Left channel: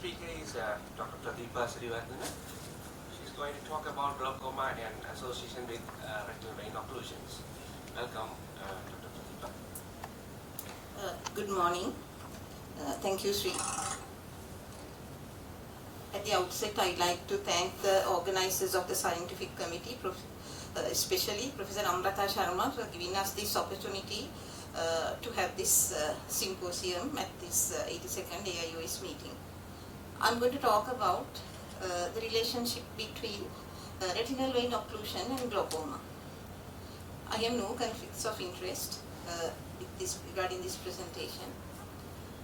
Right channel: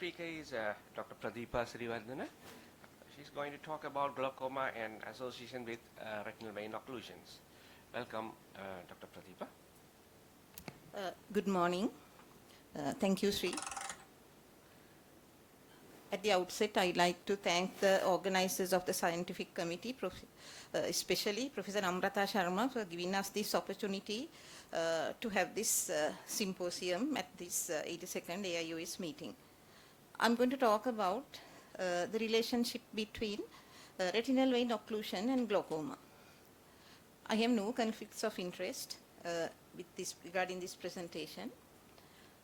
speaker is Dr. Pradeepa Siriwardena. She's going to talk about glaucoma and association with retinal vein occlusions. Welcome, Dr. Pradeepa. Good morning. Thank you, Sri. At the outset, I'd like to thank the organizers of the scientific committee, especially Professor Amrata Sharma, for giving us this opportunity to have this symposium at this 82nd AIOS meeting. I'm going to talk about the relationship between retinal vein occlusion and glaucoma. I have no conflicts of interest regarding this presentation.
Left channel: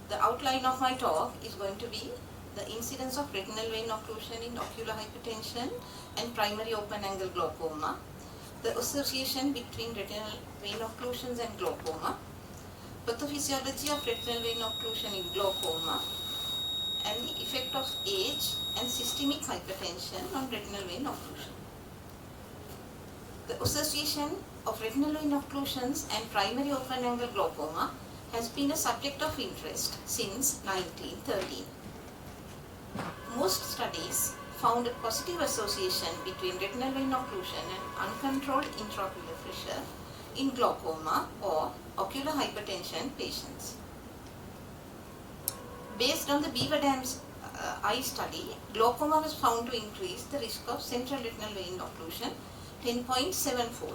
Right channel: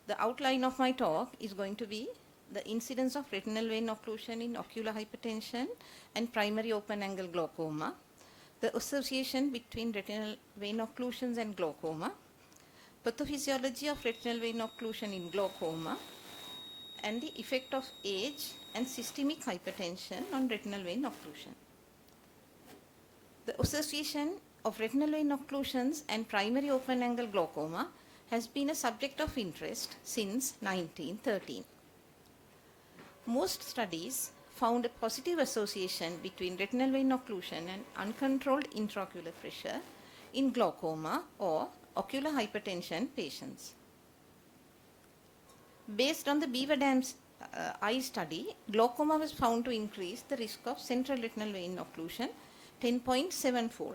The outline of my talk is going to be the incidence of retinal vein occlusion in ocular hypertension and primary open-angle glaucoma, the association between retinal vein occlusions and glaucoma, pathophysiology of retinal vein occlusion in glaucoma, and the effect of age and systemic hypertension on retinal vein occlusion. The association of retinal vein occlusions and primary open-angle glaucoma has been a subject of interest since 1913. Most studies found a positive association between retinal vein occlusion and uncontrolled intraocular pressure in glaucoma or ocular hypertension patients. Based on the Beaver Dam's eye study, glaucoma was found to increase the risk of central retinal vein occlusion 10.7-fold.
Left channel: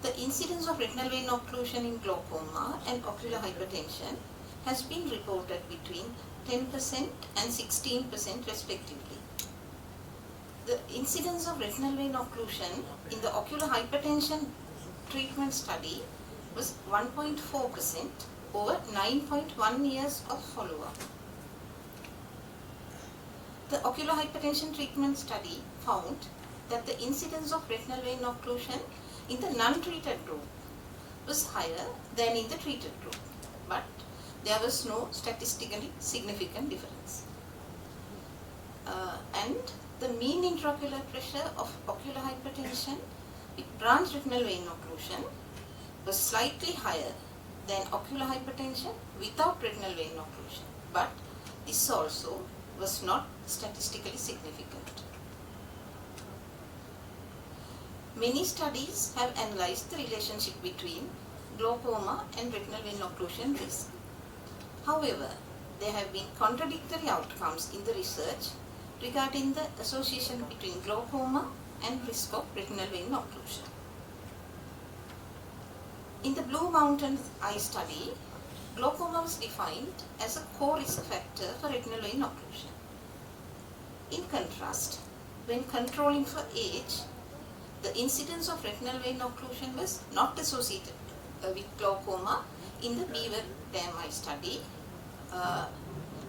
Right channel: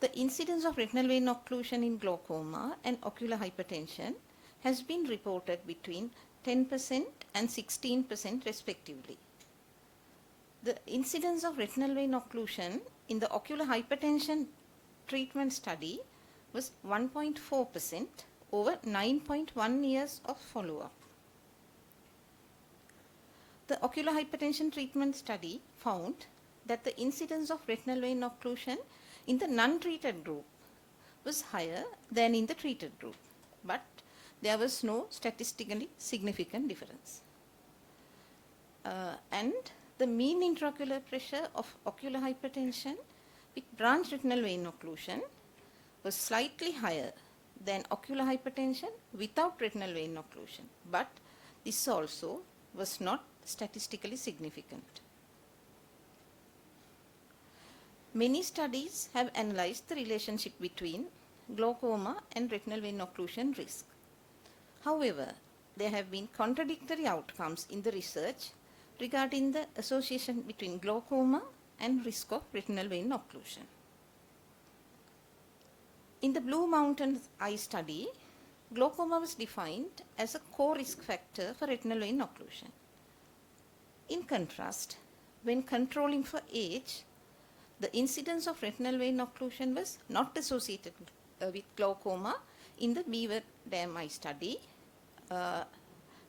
The incidence of retinal vein occlusion in glaucoma and ocular hypertension has been reported between 10% and 16% respectively. The incidence of retinal vein occlusion in the ocular hypertension treatment study was 1.4% over 9.1 years of follow-up. The ocular hypertension treatment study found that the incidence of retinal vein occlusion in the non-treated group was higher than in the treated group, but there was no statistically significant difference. And the mean intraocular pressure of ocular hypertension with branch retinal vein occlusion was slightly higher than ocular hypertension without retinal vein occlusion, but this also was not statistically significant. Many studies have analyzed the relationship between glaucoma and retinal vein occlusion risk. However, there have been contradictory outcomes in the research regarding the association between glaucoma and risk of retinal vein occlusion. In the Blue Mountains eye study, glaucoma was defined as a co-risk factor for retinal vein occlusion. In contrast, when controlling for age, the incidence of retinal vein occlusion was not associated with glaucoma in the Beaver Dam eye study,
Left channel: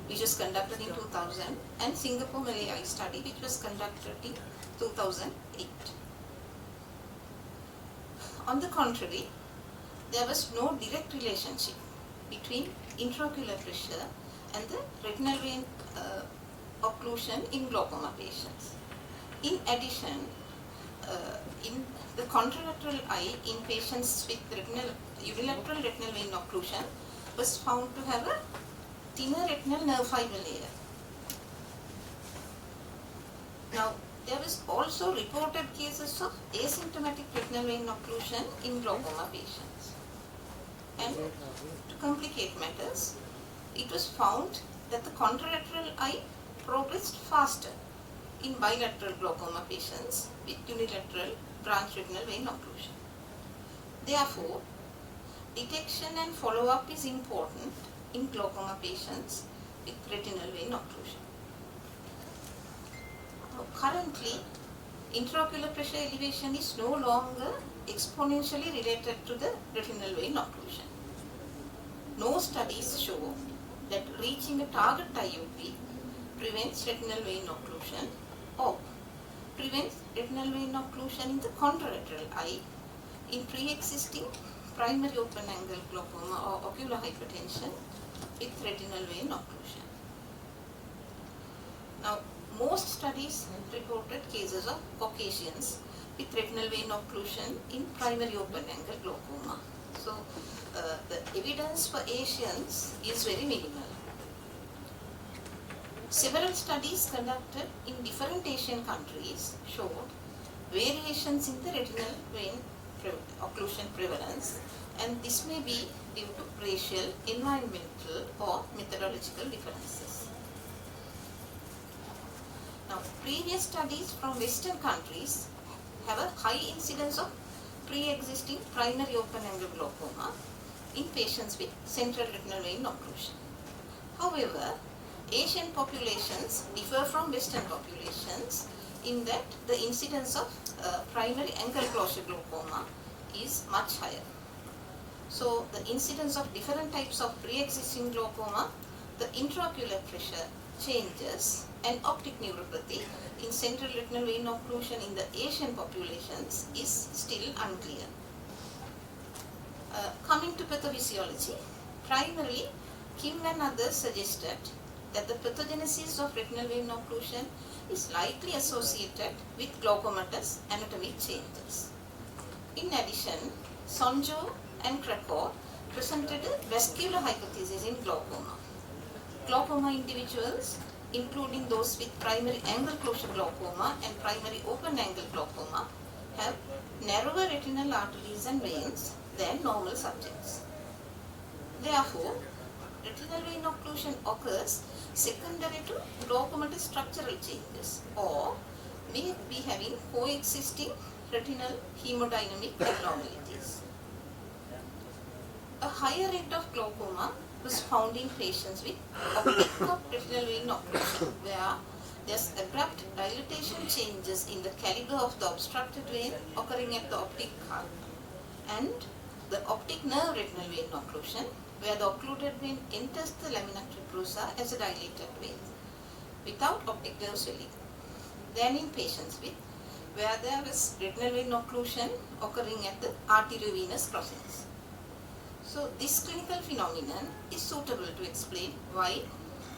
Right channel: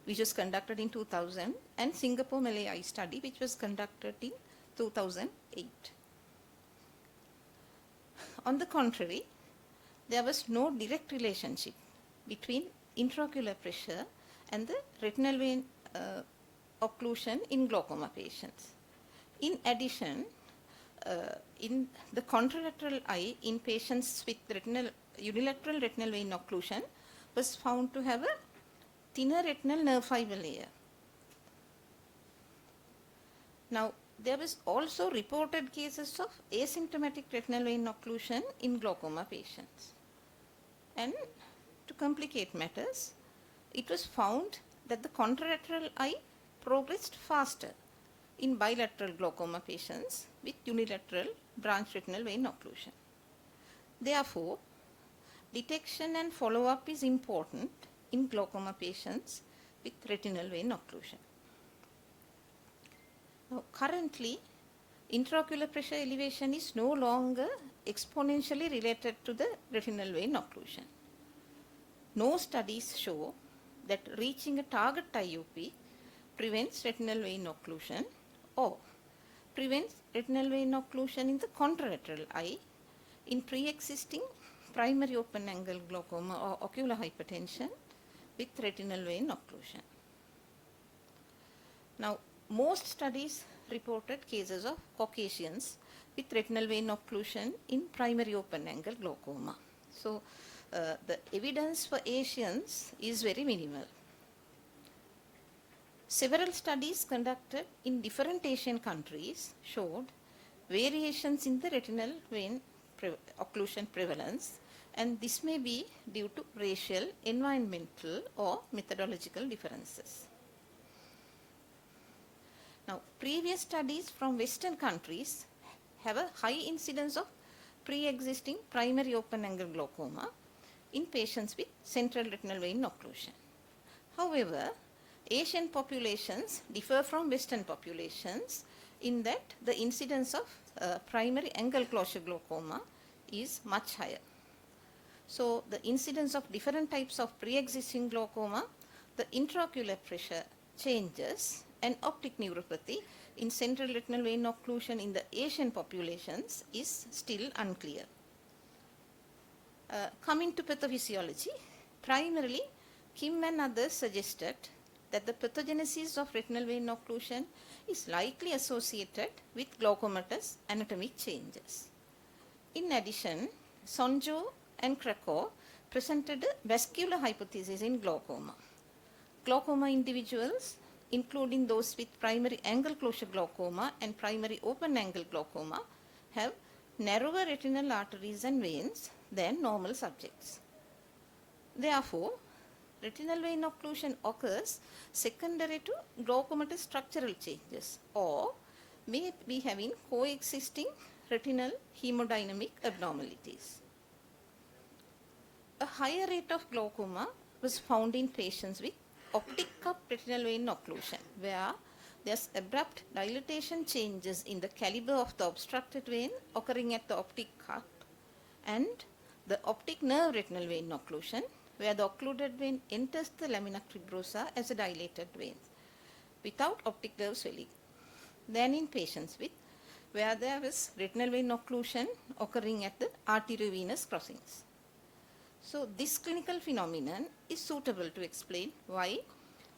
which was conducted in 2000, and Singapore Malay eye study, which was conducted in 2008. On the contrary, there was no direct relationship between intraocular pressure and the retinal vein occlusion in glaucoma patients. In addition, in the contralateral eye in patients with unilateral retinal vein occlusion was found to have a thinner retinal nerve fiber layer. Now, there was also reported cases of asymptomatic retinal vein occlusion in glaucoma patients. And to complicate matters, it was found that the contralateral eye progressed faster in bilateral glaucoma patients with unilateral branch retinal vein occlusion. Therefore, detection and follow-up is important in glaucoma patients with retinal vein occlusion. Currently, intraocular pressure elevation is no longer exponentially related to the retinal vein occlusion. No studies show that reaching a target IOP prevents retinal vein occlusion or prevents retinal vein occlusion in the contralateral eye in pre-existing primary open-angle glaucoma or ocular hypertension with retinal vein occlusion. Now, most studies reported cases of Caucasians with retinal vein occlusion in primary open-angle glaucoma. So, the evidence for Asians is very minimal. Several studies conducted in different Asian countries showed variations in the retinal vein occlusion prevalence, and this may be due to racial, environmental or methodological differences. Now, previous studies from Western countries have a high incidence of pre-existing primary open-angle glaucoma in patients with central retinal vein occlusion. However, Asian populations differ from Western populations in that the incidence of primary angle closure glaucoma is much higher. So, the incidence of different types of pre-existing glaucoma, the intraocular pressure changes and optic neuropathy in central retinal vein occlusion in the Asian populations is still unclear. Coming to pathophysiology, primarily Kim and others suggested that the pathogenesis of retinal vein occlusion is likely associated with glaucomatous anatomic changes. In addition, Sonjo and Krakow presented a vascular hypothesis in glaucoma. Glaucoma individuals, including those with primary angle closure glaucoma and primary open angle glaucoma, have narrower retinal arteries and veins than normal subjects. Therefore, retinal vein occlusion occurs secondary to glaucomatous structural changes or may be having coexisting retinal hemodynamic abnormalities. A higher rate of glaucoma was found in patients with optic cup retinal vein occlusion, where there's abrupt dilatation changes in the caliber of the obstructed vein occurring at the optic cup, and the optic nerve retinal vein occlusion, where the occluded vein enters the lamina tuberosa as a dilated vein without optic nerve swelling, than in patients with where there is retinal vein occlusion occurring at the arteriovenous crossings. So this clinical phenomenon is suitable to explain why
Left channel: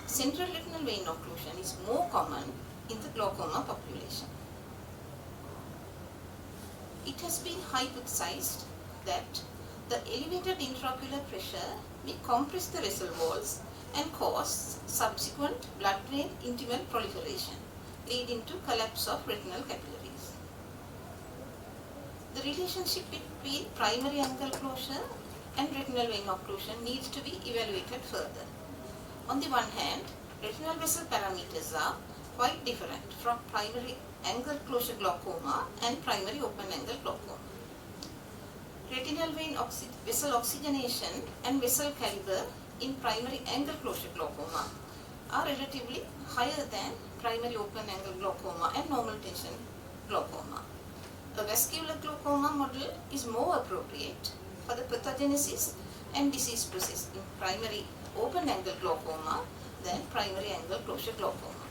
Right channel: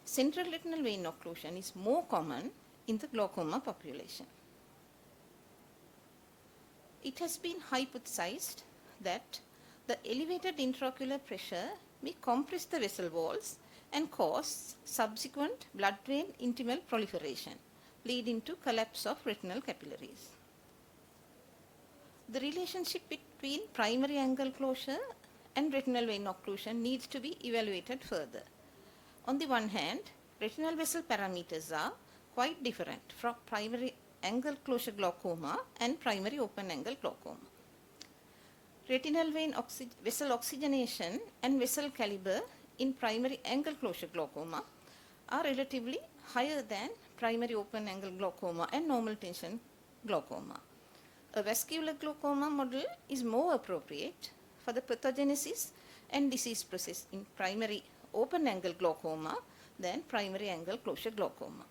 central retinal vein occlusion is more common in the glaucoma population. It has been hypothesized that the elevated intraocular pressure may compress the vessel walls and cause subsequent blood-brain intimal proliferation, leading to collapse of retinal capillaries. The relationship between primary angle closure and retinal vein occlusion needs to be evaluated further. On the one hand, retinal vessel parameters are quite different from primary angle closure glaucoma and primary open angle glaucoma. Retinal vein vessel oxygenation and vessel caliber in primary angle closure glaucoma are relatively higher than primary open angle glaucoma and normal tension glaucoma. A vascular glaucoma model is more appropriate for the pathogenesis and disease process in primary open angle glaucoma than primary angle closure glaucoma.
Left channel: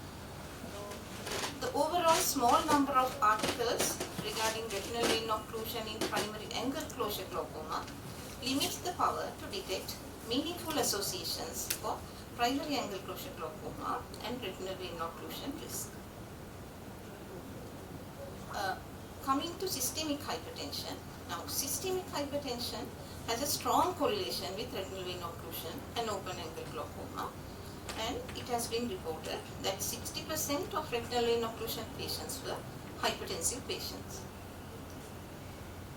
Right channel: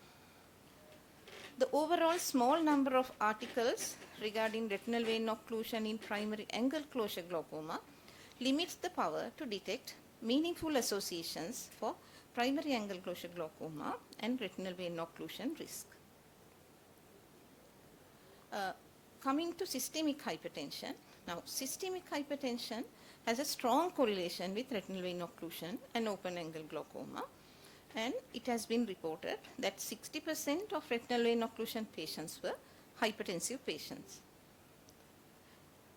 The overall small number of articles regarding retinal vein occlusion in primary angle closure glaucoma limits the power to detect meaningful associations for primary angle closure glaucoma and retinal vein occlusion risk. Coming to systemic hypertension. Now, systemic hypertension has a strong correlation with retinal vein occlusion and open angle glaucoma, and it has been reported that 60% of retinal vein occlusion patients were hypertensive patients.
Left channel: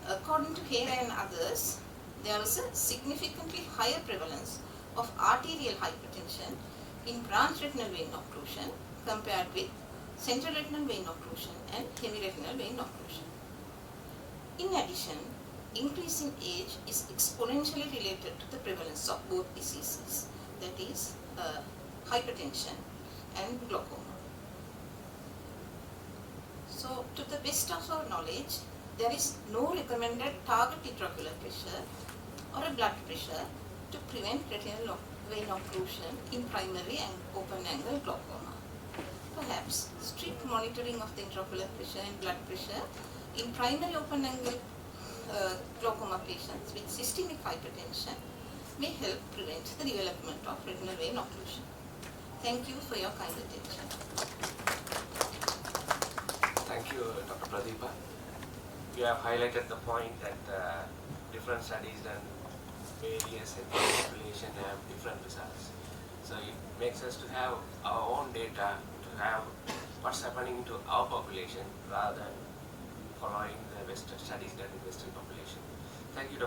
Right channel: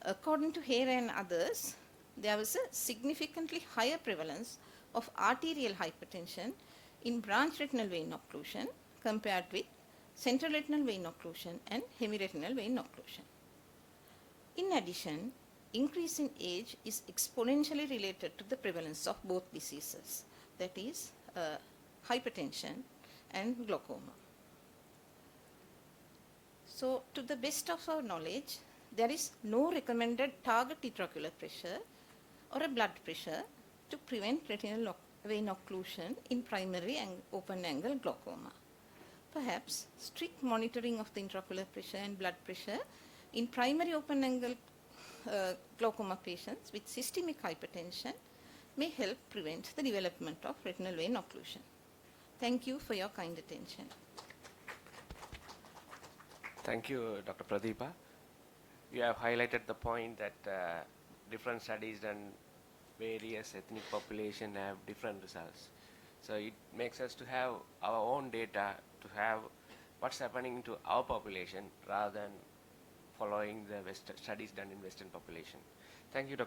According to Hare and others, there was a significantly higher prevalence of arterial hypertension in branch retinal vein occlusion compared with central retinal vein occlusion and hemiretinal vein occlusion. In addition, increase in age is exponentially related to the prevalence of both diseases, that is, hypertension and glaucoma. So, to the best of our knowledge, there is no recommended target intraocular pressure or a blood pressure to prevent retinal vein occlusion in primary and open angle glaucoma. Perhaps strict monitoring of the intraocular pressure and blood pressure in primary open angle glaucoma patients with systemic hypertension may help prevent the development of retinal vein occlusion. Thank you for your kind attention. Thank you, Dr. Pradeepa. You have highlighted the point that different studies and various ethnic population have different results. So it makes us us to have our own data, to have what's happening to our population rather than following the Western studies done in Western population. Thank you, Dr.